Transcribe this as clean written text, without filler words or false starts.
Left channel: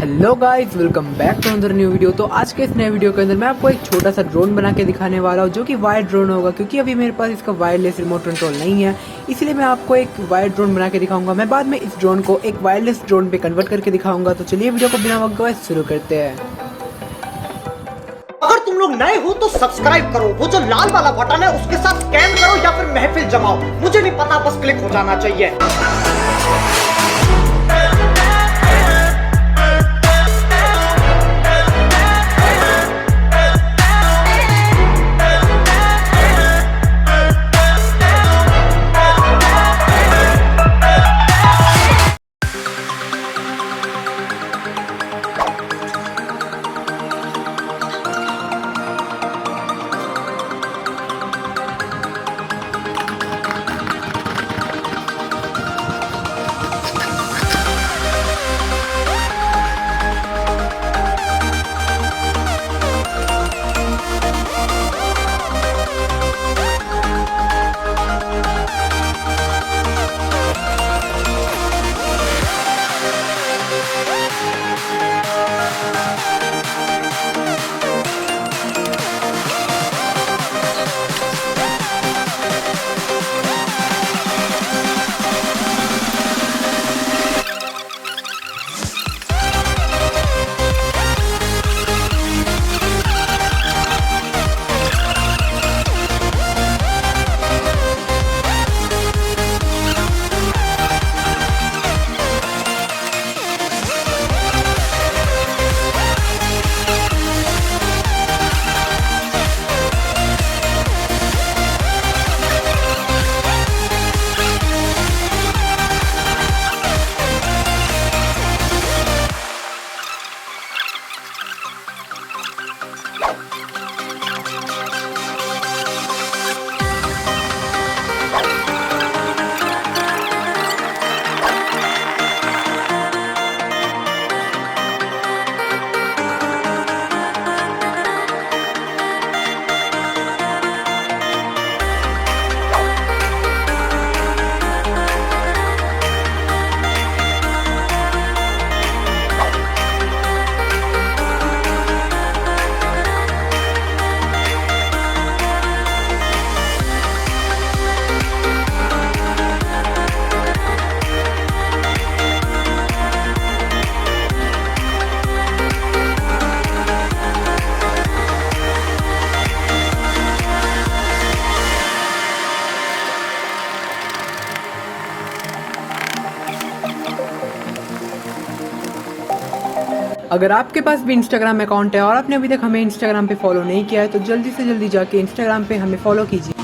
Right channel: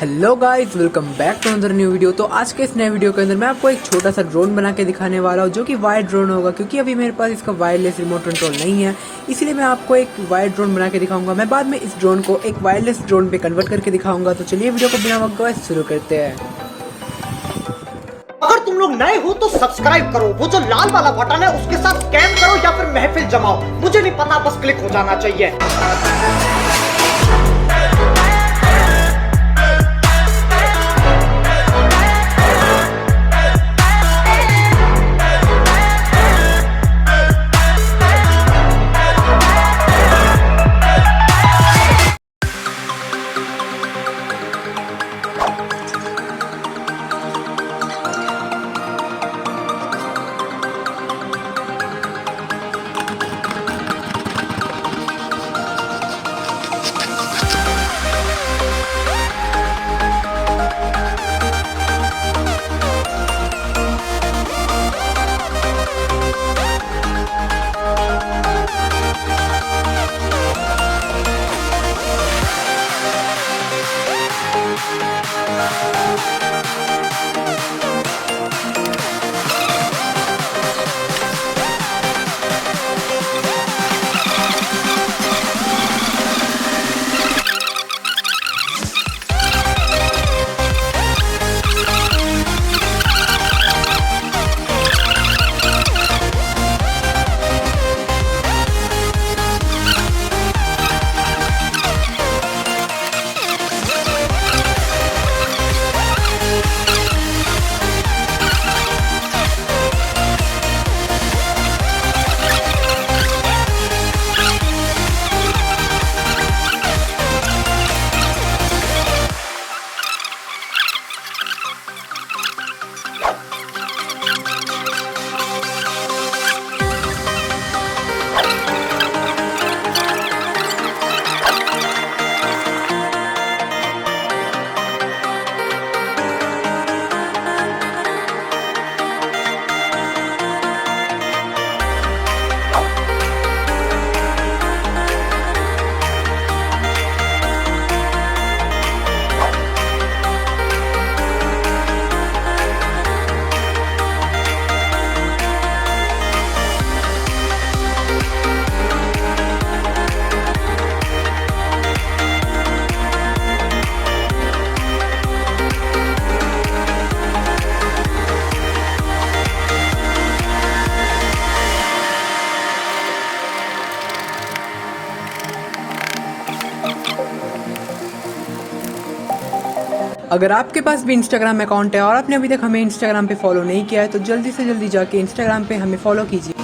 Hello guys, welcome back to another new video. तो आज के इस नए वीडियो के अंदर मैं आपको एक छोटा सा ड्रोन बना के दिखाने वाला हूँ, जो कि वायर ड्रोन होगा। क्योंकि अभी मेरे पास इसका वायरलेस रिमोट कंट्रोल नहीं है, इसलिए मैं आपको एक वायर ड्रोन बना के दिखाऊंगा। मैं बाद में इस ड्रोन को एक वायरलेस ड्रोन पे कन्वर्ट करके दिखाऊंगा। तो चलिए वीडियो को बिना वक्त गवाए शुरू करते हैं। अगर तुम लोग नए हो तो सब्सक्राइब करो, वो जो लाल वाला बटन है उसके साथ स्कैम करो या फिर महफिल जमाओ, मुझे नहीं पता, बस क्लिक हो जाना चाहिए। अगर आपके पास भी इंस्टाग्राम अकाउंट है और आपने अभी तक हमें इंस्टाग्राम पे फॉलो नहीं किया है, तो जल्दी से जल्दी जाके इंस्टाग्राम पे हमें फॉलो कीजिए।